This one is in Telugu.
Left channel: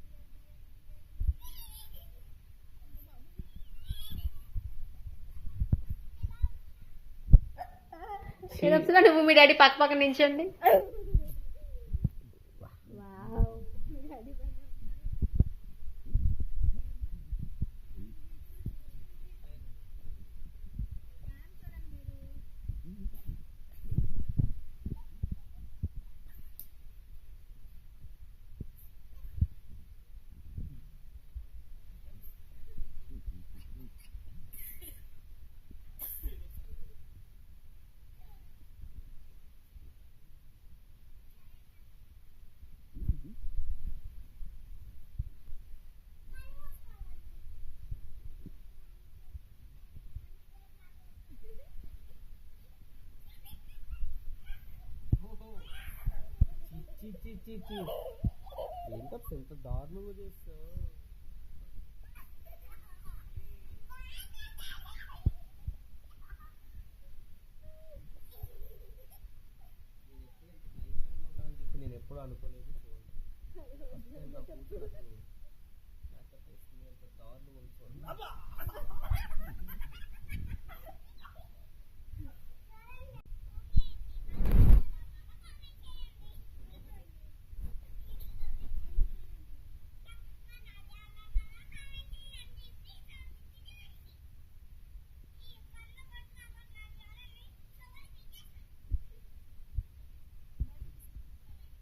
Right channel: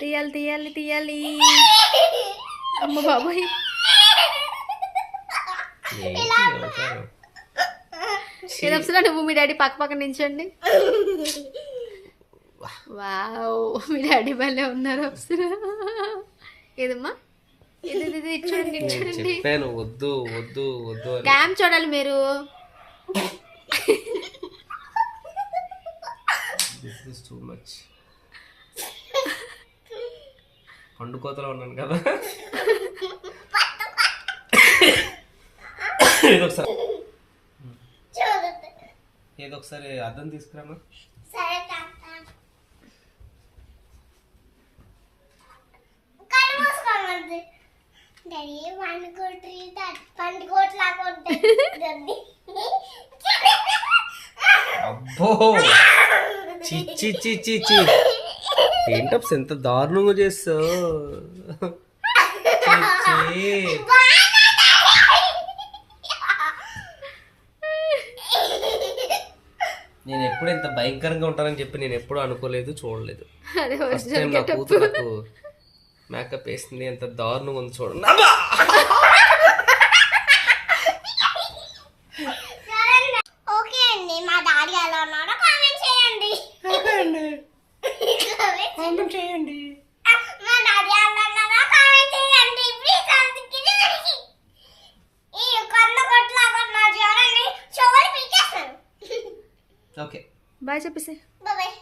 తీయాలి తీయాలి తీయాలి. అమ్మ బాబాయ్, ఏదో అప్సరా నువ్వు మీ డాడీ పక్క పక్క నించండి. వావ్, మీ డాడీ భలే ఉన్నారు అప్సరా. ఏదమ్మా ఇది చూడండి చూడండి. వద్దు వద్దు వద్దు క్యామ్ చూడాలి మీరు. పండుకోతలో ఉన్నాను కదా. ఏదో ఒకసారి అద్దం తీసుకురామా. అబ్బో చిచ్చి చిచ్చి చి ఏంటప్స్ ఎంత దారుణంగా చేస్తావు. నేను ఎప్పుడు ఇంత భయంకరంగా ఉంటానని చెప్పి నేను ఎప్పుడు అనుకోలేదు, చూడలేదు. ఫస్ట్ టైం నా కూతురు నాకు మేకప్ వేసింది, ఎంత దారుణంగా ఉంది చూడండి. ఓకే అండి, మా డాడీ ఎలా ఉన్నారో కామెంట్ చేయండి. కామెంట్ చేయండి. మా డాడీ ఎలా ఉన్నారో కామెంట్ చేయండి ప్లీజ్. ఈ కన్న కొట్లాగా నా చూడండి, చెవులు పీకేస్తాను. ఓకే బాయ్ చెప్పేసి. బాయ్.